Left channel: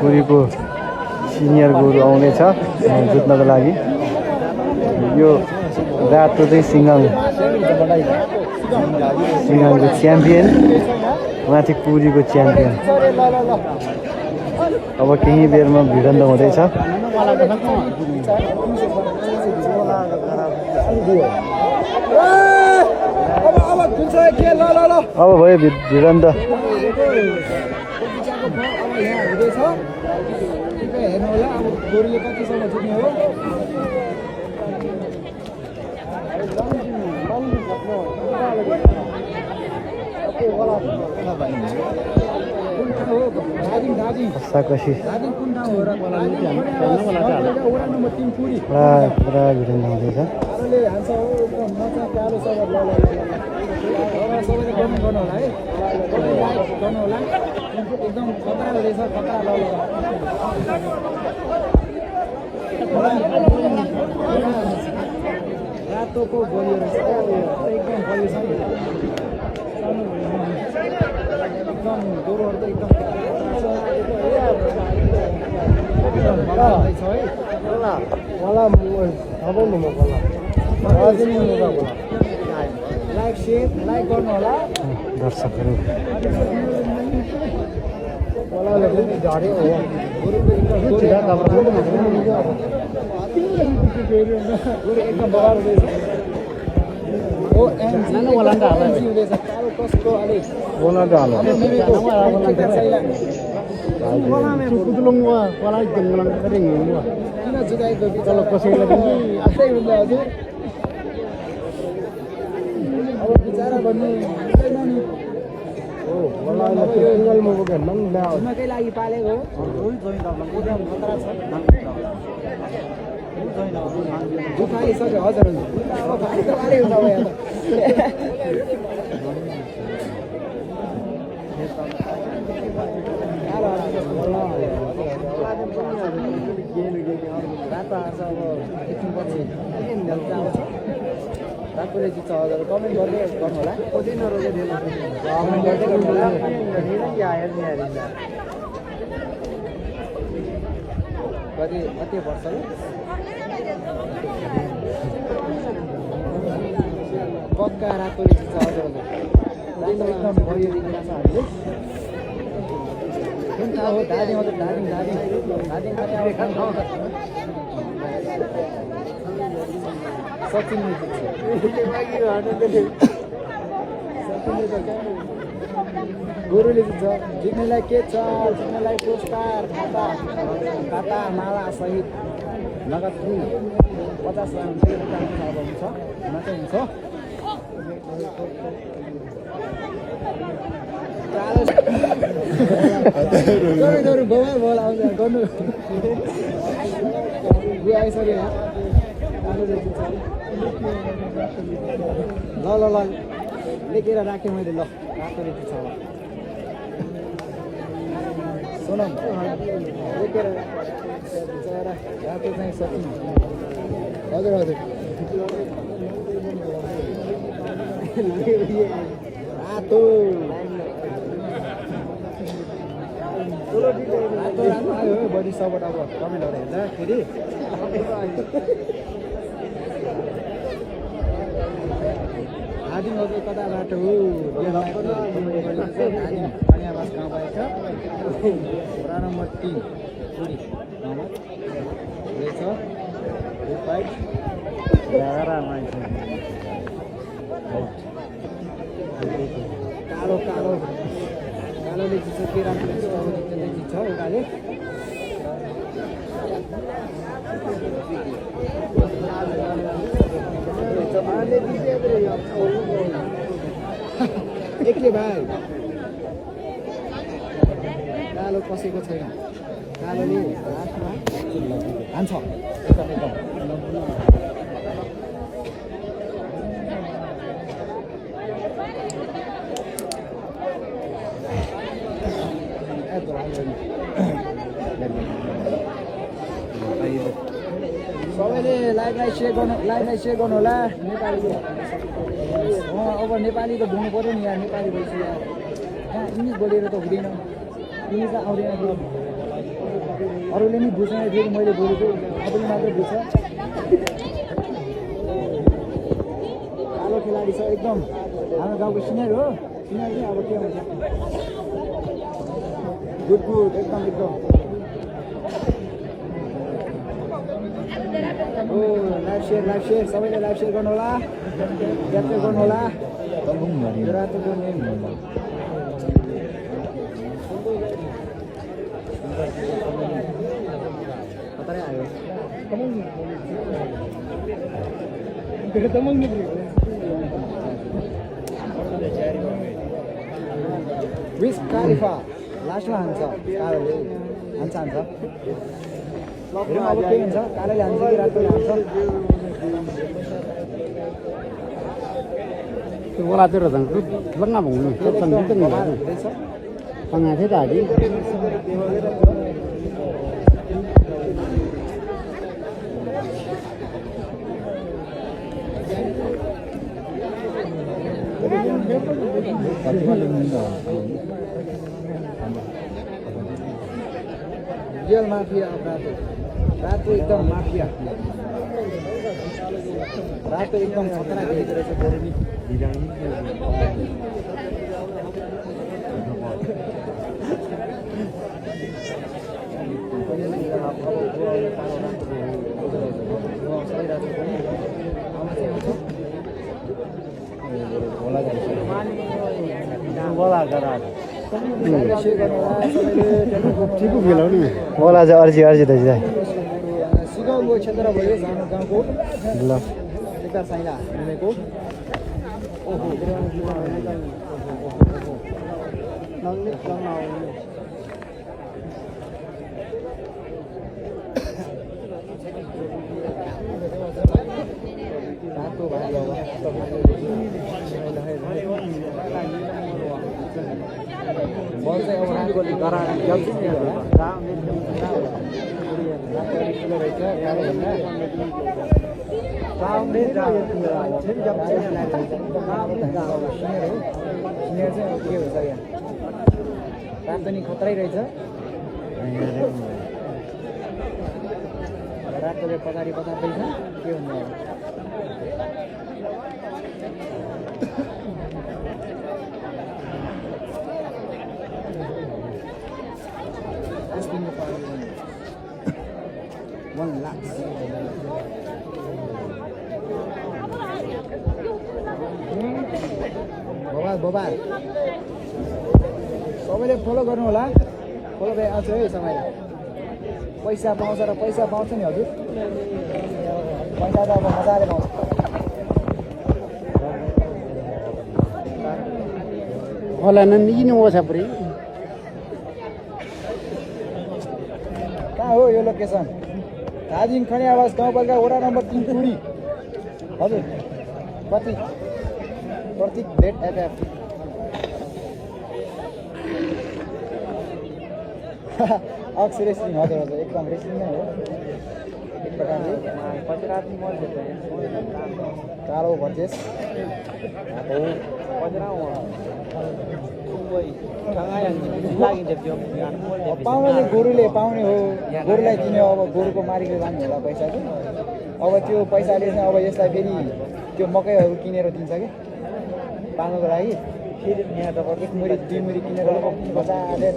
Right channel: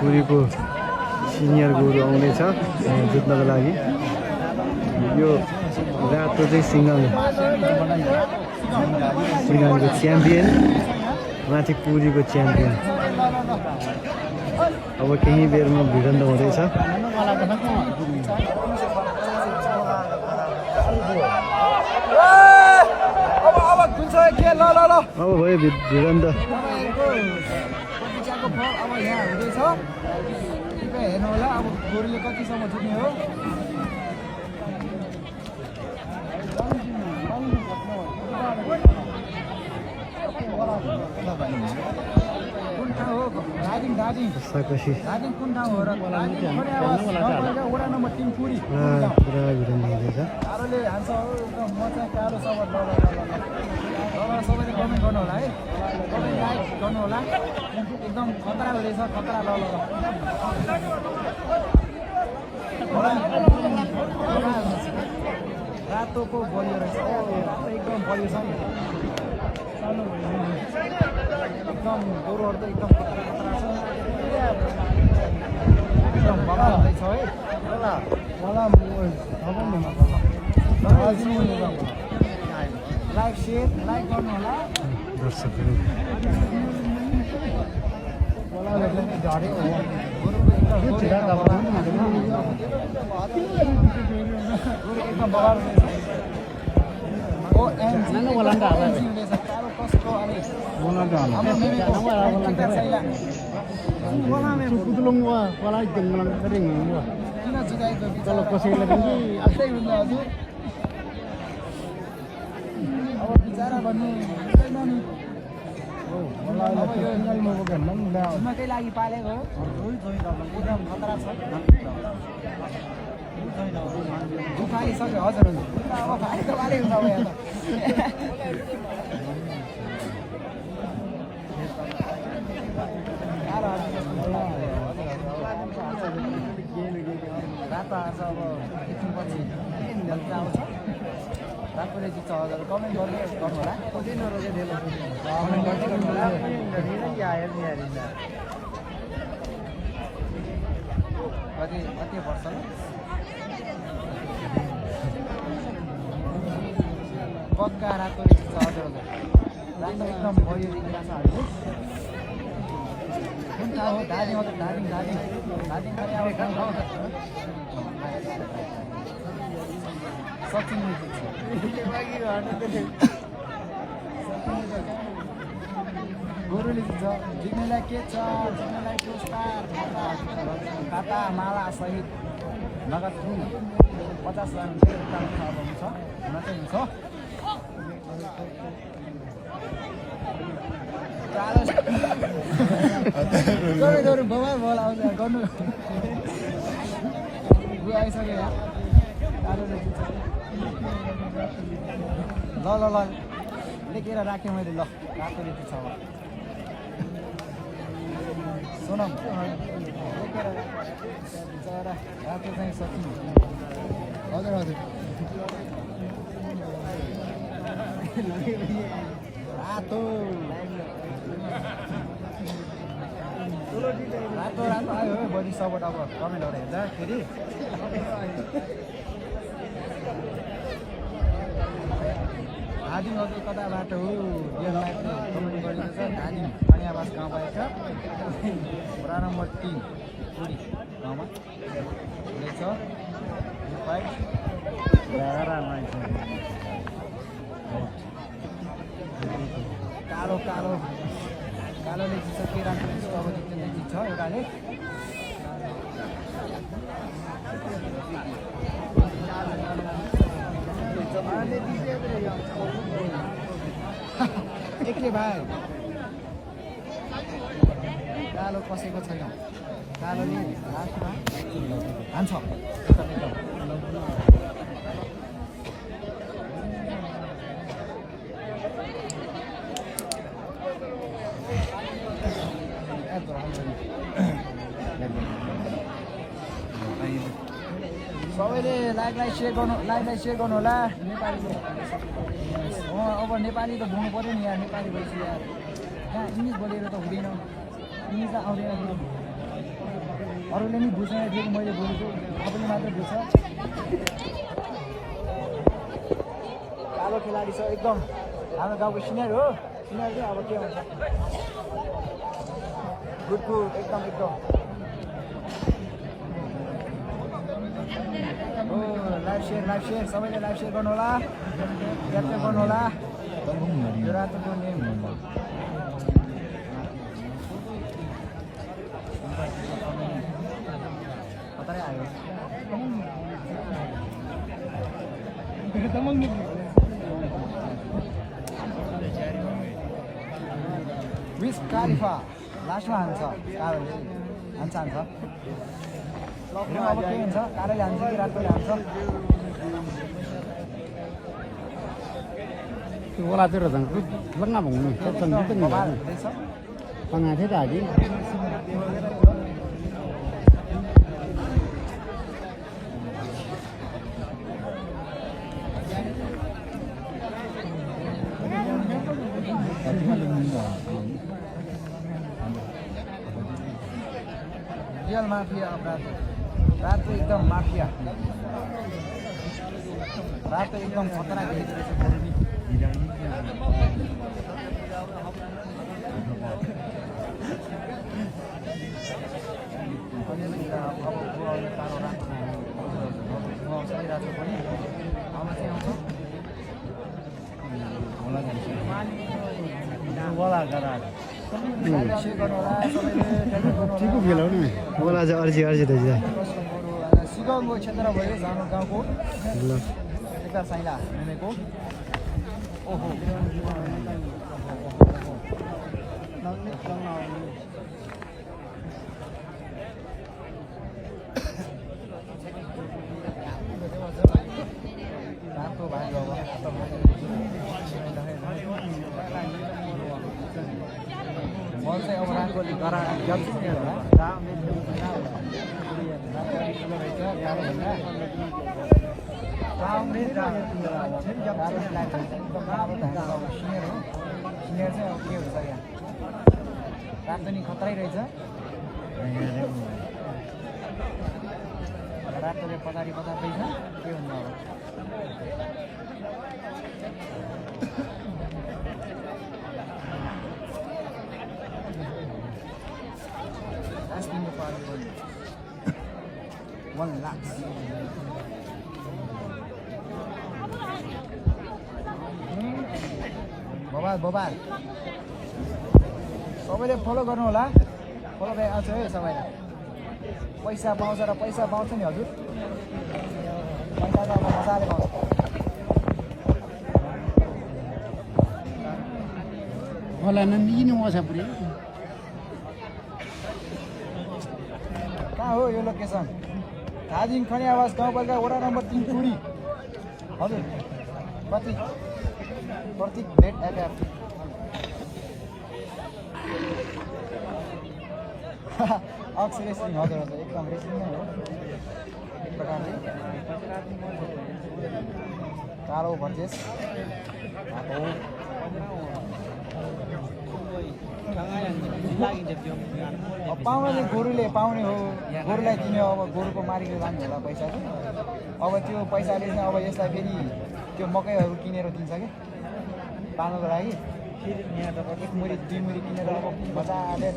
पुरीको senior गोरु आउनेछ जुत्नको लागि। यो रातो चाहिँ सिङ्गाङको च्याम्पियन, माथि पुरीको च्याम्पियन। अब केही बेरमा भिडन्त हुँदैछ। अब भयो भिडन्त। हेर्नु होला अब गोरुले कतिसम्म छुट्ने हो। एकदम खतरा हुँदैछ, खतरा रातोको बलियो रहेछ, एकदम बलियो छ। एकदम गोरुहरू त एकदम लाइक सेयर लाइक गर्नु होला दर्शकहरू। kalau कसैलाई पनि आफै हुन्छ हजुर। अब बिचारा भन्नु घुम्नकै लागि पालेको हो। दुखाइसक्यो हजुर रातो आएर अब एकछिनपछि रातोले जित्छ हजुर। कमेन्ट गर्दै गर्नु होला, खोजै नरोजे कमेन्ट गर्दै गर्नु होला। कति वर्ष पक्का रातोले जित्छ हजुर। रातो एकदम भयो हामीले कुन थाहा हो दार्जिलिङ हजुर। दार्जिलिङ सचिनले गोरुले जित्छ। जित्नेलाई के छ? जित्नेलाई पुरस्कार, खाता माला सहित नगद 50 लाख हुन्छ। हुन्छ बवाल बोल आउँछ गर्नु आइसक्यो। ल लेखेर राखेँ मैले। ल रातो रेती छ सुनौँ लेखेर रातो चाहिँ सकिन्छ हजुर हजुर। रातो रातो राम्रो आयो बडी सपोर्ट। अब कमेन्टहरू हेर्दाखेरि दार्जिलिङ कता बाटो हो कन्यावास गाउँ भएको वडा नम्बर 3 पुरी गाउँमा रहेछ। कालो कालो कालोले जित्छ के राम्रो जित्छ एउटाले। एक्लै भाइ कालो कसैको छैन। कालोले लास्टमा हान्छ सबैले लाइभलाई सेयर गर्नु होला। नेपालीको अब नेपाली त बोल्नु पऱ्यो नि यार। नेपाली भएपछि यार इङ्ग्लिस बोलेर त हुँदैन। तिमी त आउँदैन थियो अरूले नि बुझ्दैन थियो मैले बोलेको तपाईँले मात्र बुझ्छ कालो खेलाडी छ एकदम हाम्रो गाउँको सिनियर हो सिनियर चाहिँ अब के हुन्छ गुड फुड एकदम ओ लाइभ सेयर सबैले लाइभ सेयर गर्नु होला क्याप्चर गर्नु होला रातो गर्ने कतै आयो विस कालिफा लास्टमा हान्छ कालोले हान्छ हेरौँ अब के हुन्छ कालोले हान्छ कि रातोले हान्छ Cái bola tôi rồi thằng cứ lắc ngáp bụng này, cái thằng cứ từng người này. Thằng ngày thế tài đi. Real mafia Rato. Rato एकदम माफिया रातो एकदम खतरनाक देखेको रहेछ फेरि नि Chico खेलाउ नि बोला चाहिँ अर्जी रहेछ सिगाउँको क्षेत्र भयो हाम्रो गाउँको ल यता साइला घुमेको ओहो रातो भाइ बल चाहिँ अब रातोले गरा जल्दी नै होला रातो नि खतरै रहेछ रातोले पछाडि बचाउँदैछ के हुनु $1 lakh. Bobal. सबैले फलो गर्नु होला फलो भए आउँछ है समयलाई पैसा पाउँछ र पैसा पाउँछ नि हजुर पैसा त अब मजाले पाउँछ होला नन् यिन ओसा पुरै कहाँ हो यो लोकेसन दार्जिलिङ खनी आवास गाउँपालिका वडा नम्बर 3 टुरी हजुर प्रतीक भेट एफ अक्स रेस्लिङ हजुर एकदम रेस्लिङ नै हो एक प्रकारले कालो भर्जेस पाउनेले गोरुले पाउने हो गोरुलाई दिने अब गोरुको मालिकले लाने होला पैसा चाहिँ अब त्यो पैसाले चाहिँ अब यसलाई फेरि त्यो मकैहरू किनेर दिन्छ कि पाल्नुको लागि फेरि यहाँ त एक मुरी 2 मुरी किनेर बजाले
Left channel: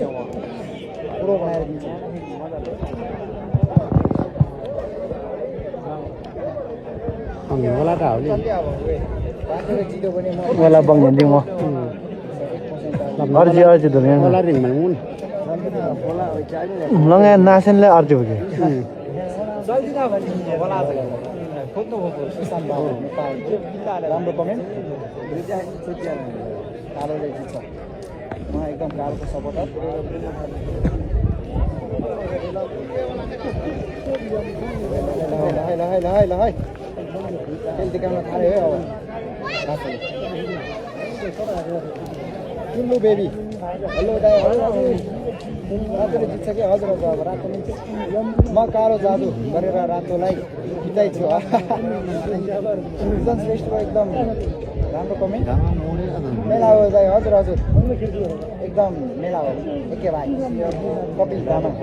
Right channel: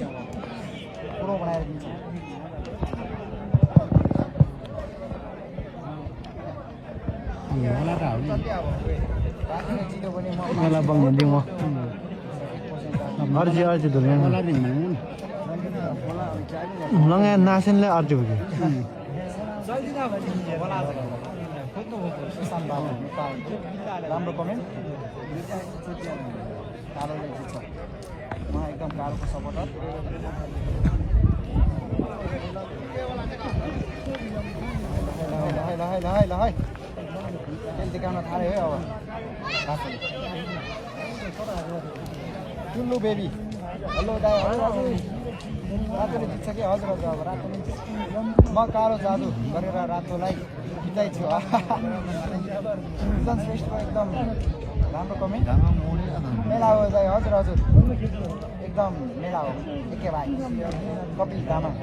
पुरो बनाएर दिन्छ होला त हो नि रातोले जित्यो भने म बेला बङ्गन्दी म अर्जी धुने होला रिङ माग्नु लङ्गा नासेनले अर्जी हो कि जल्दी भने होला खोज्नु भएको सुशान्त बाबु राम्रो कमेन्ट कालोले जित्छ म एकदम कालोको सपोर्टर ल है खेल देखाउन थाल्यो है अब टुल्लु बेबी हेलो दाइ रातोले जित्छ कि हजुर अब रातो म कालो जादु गरेर रातोलाई जिताइछु एकदम श्रेष्ठ एकदम राम्रो कमेन्ट मेला हो दाइ हजुर एकदम मेला हो एकै भाइ कपिल तामाङ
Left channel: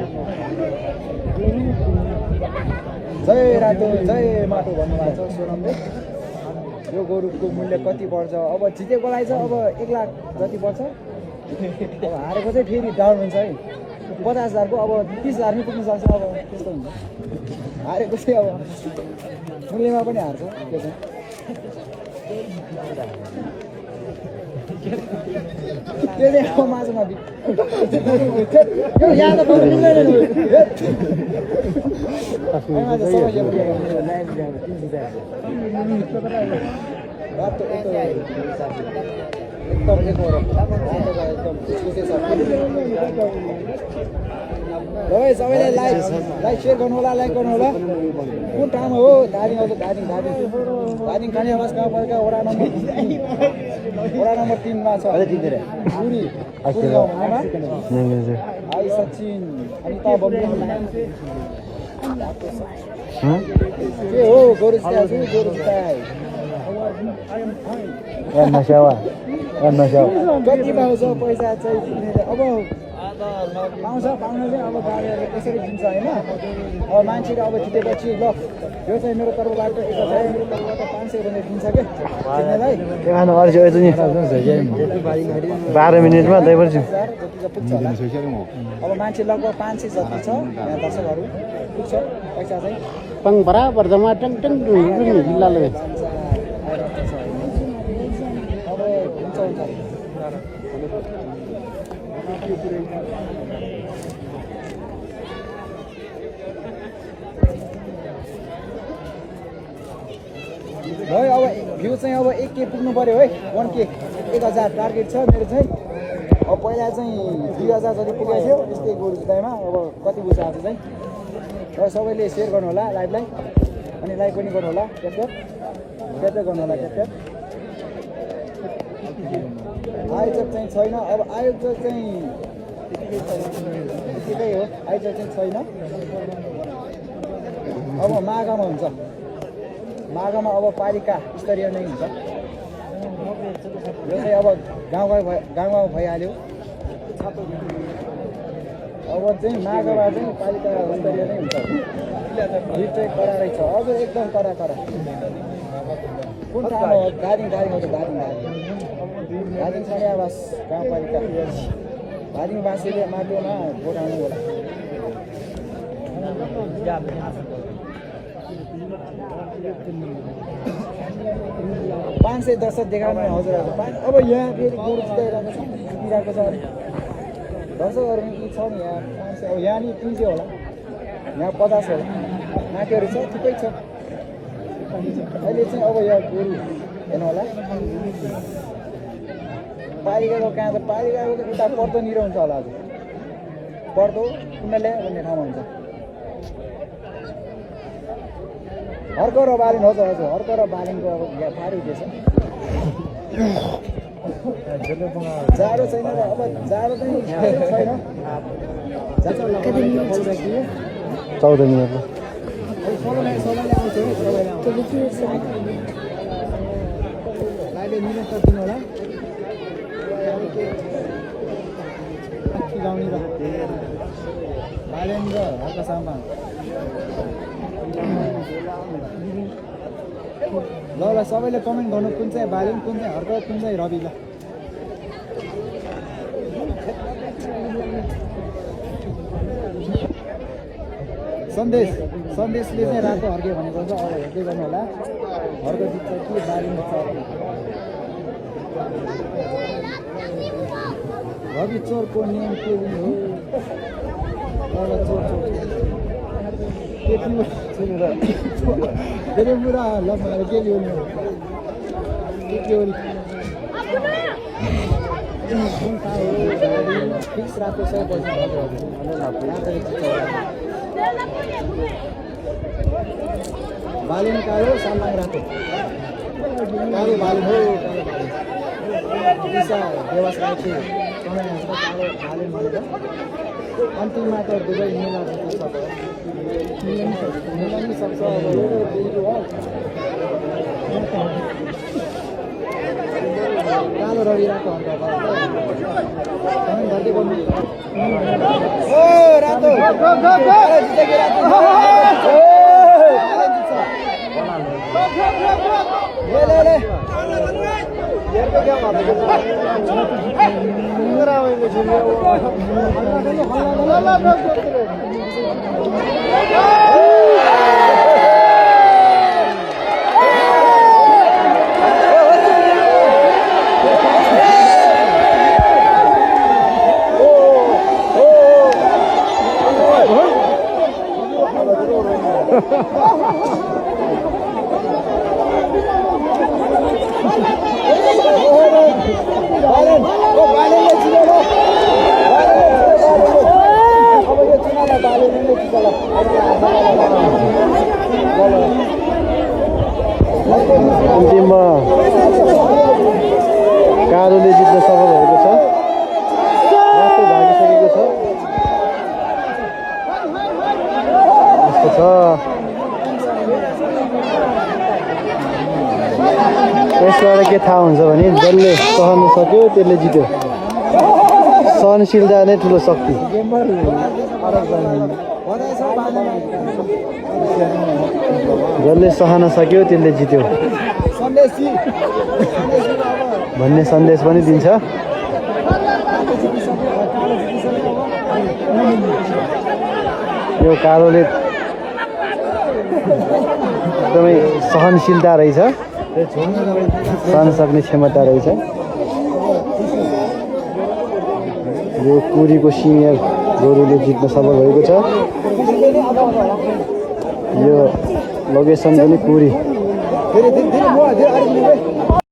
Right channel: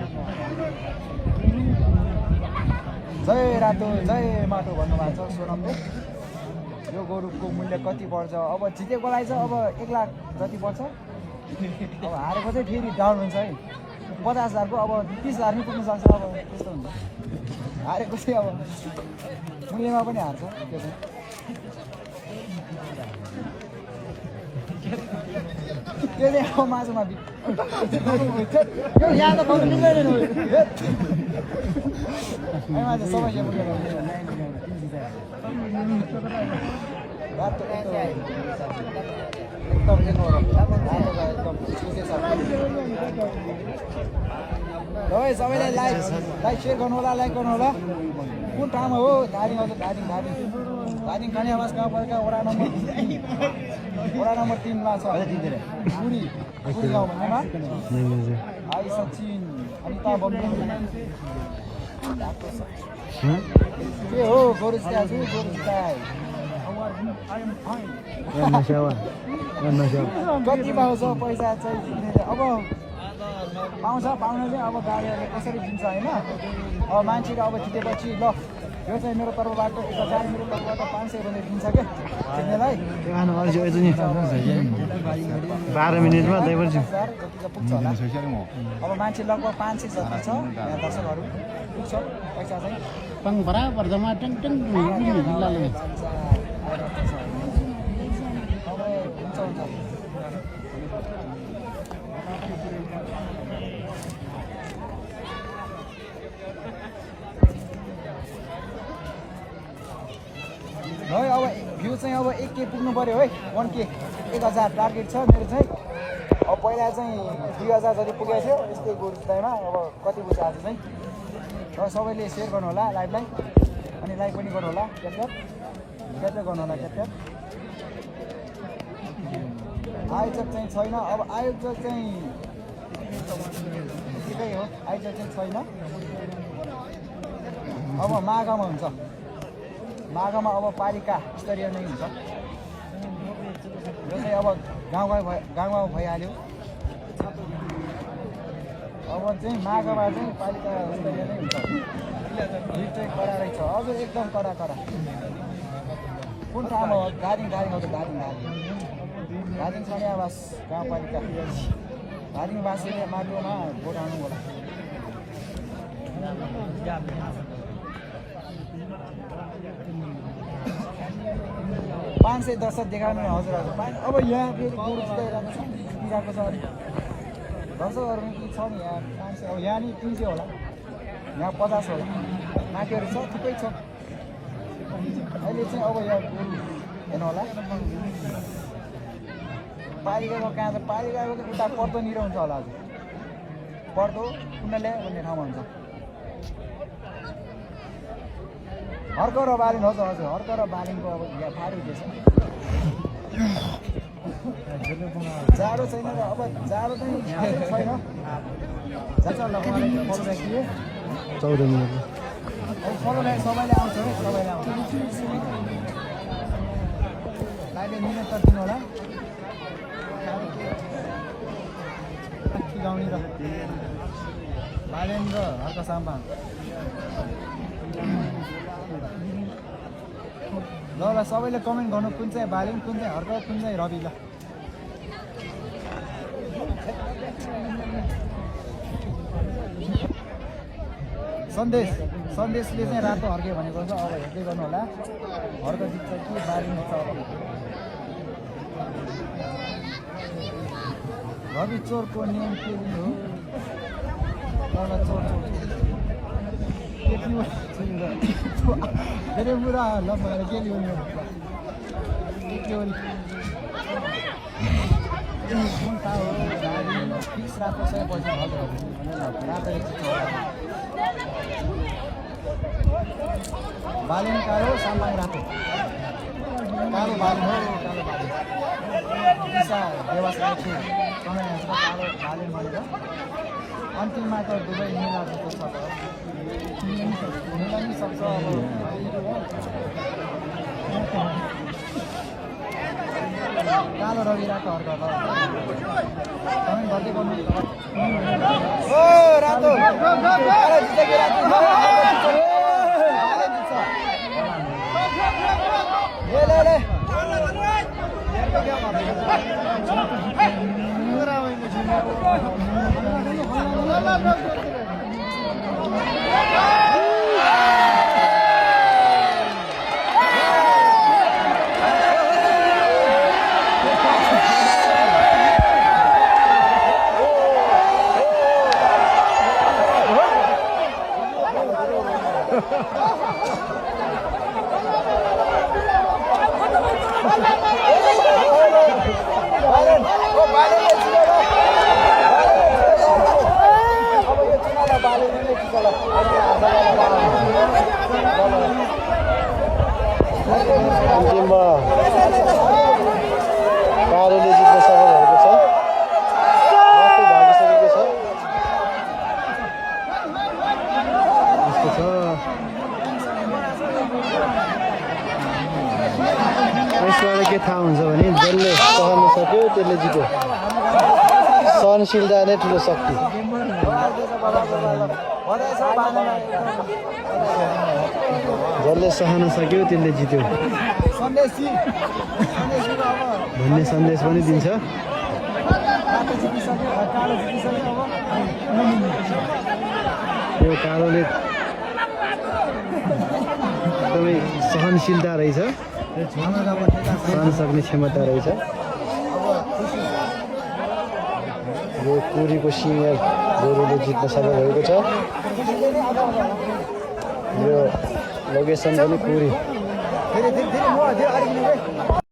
जय रातो जय माटो भन्नुभएको छ सोनमले यो गोरुको मूल्य कति पर्छ अब जितेकोलाई चाहिँ अब 1 लाख जति पर्छ अब हारेको चाहिँ फेरि डाउन हुन्छ है 50,000 को अब 30,000 नै पुग्न सक्छ अब त्यस्तो हुन्छ हारेको चाहिँ अब मूल्यमा पनि हार्छ त्यो चाहिँ त्यो चाहिँ अब माझमा यो यहाँ त पाउनु मिल्दैन सबैले लाइक सेयर गर्नु होला लाइक गर्नु होला कुन ठाउँमा हो धादिङ हजुर धादिङ खाने आवास गाउँपालिका वडा नम्बर 3 मा छ पुरी गाउँमा आई सचिन अनिता बम्बु के हो गोरु स्टाई कति पाउँछ पैसा चाहिँ अब पाउँछ पाउनेले अब गाडीहरूले कसरी दिन्छ होइन अब मान्छेले अब जितेपछि ल यो चाहिँ मेरो तर्फबाट 1000 मेरो तर्फबाट 500 भनेर दिन्छ क्या किन्नेलाई 12 मिनेटमा दैपर्छु अब मान्छे लगभग 500 जति छ यहाँ दर्शकहरू पुग्छ पैसा चाहिँ pang beraber sama teng ini lalu है अब भ्यू चाहिँ अब 1K पुग्नु पर्यो है 1K 1000 टार्गेट छ मेरो चाहिँ अब पहिला चाहिँ 2000 जति पुगेको थियो त्यस्तै गोरु जुत्तामा अब कति बुझ्छ आज चाहिँ र सबैले सेयर गर्नु होला लाइभलाई अनि लाइक पनि गर्नु होला क्याप्चर गर्नु होला क्याप्चर आयोजक चाहिँ छैन अब आयोजक चाहिँ त्यतिकै हो आयोजक चाहिँ छैन अब माघमा हुन्छ माघमा अब पालिका स्तरीय नै हुन्छ यो चाहिँ अब गाउँमा भइहाल्यो अब चाहिँ माघमा चाहिँ पालिका स्तरीय नै हुन्छ भिड चाहिँ कडा रहेछ हजुर एकदम कडा कुन ठाउँ हो दार्जिलिङ हो त दार्जिलिङ खाने आवास गाउँपालिका दार्जिलिङवासीले माटोमा भोट हाल्नु होला 500 दर्शक देखाउनु हजुर अब यहाँ फेरि गोरु जिताइरहेको छ दर्शकहरू नि छ नि यहाँ 500 अब यहाँ नि 300 होला यहाँ 50 होला माथिहरू छ थुप्रै छ अहिले चाहिँ अब यहाँ गोरु हेर्नु होला पालिकाको कहाँ त पालिकाको त उता पर्दोनिर हुन्छ होला हजुर पर्दो कुण्डले भन्ने ठाउँमा हुन्छ हर्क र बालिन हजुर हर्क र बालिनको अब फारी हुँदैछ जाडो छैन र अब जाडो चाहिँ छैन 14 मिनट सबैले आउँछ नि सबैले आउँछ लाइभले मिनेट त दिनु होला गाउने र बालेन र हर्क साम्बा ल सबैले कमेन्ट गर्नु कुन चाहिँ बालेन कुन चाहिँ हर्क कुन चाहिँ रवि ल सन्देशले चाहिँ रातो हर्के भनेको छ अब हेर्दै गर्नु होला हर्क जित्छ कि बालेन जित्छ रवि चोरको नियम के हो चोर धेरै बुढा लम्बाएर के ल्याउने कुन ठाउँ हो गाडी फिक्स रातो 100% बालिन कालो साम्बाङ रातो कालो बालिन हो दिशा देवास राखे कालो बालिन भनेर अन्तिममा त दुवै मिलाउन सक्छ अब कालो रवि रातो अन्त कमेन्ट गर्दै गर्नु ओ रातो जितेको रातो ले हेर्दै क्या अन्तिममा कालोले जित्न सफल भएको छ भागिसकेको छ यसबाट के थाहा हुन्छ भने जसले सहन सक्यो त्यसले जित्यो सहनशीलता नै ठुलो शक्ति जसले सहन सक्यो त्यसले जित्यो भन्ने सन्देश पनि दिन्छ यो कालोले एकदमै सहनशीलता रहेछ सहन सक्ने क्षमता रहेछ यो कुरीको सिंह गोरुले जित्न सफल भएको छ यो लोकेसन पनि कुरी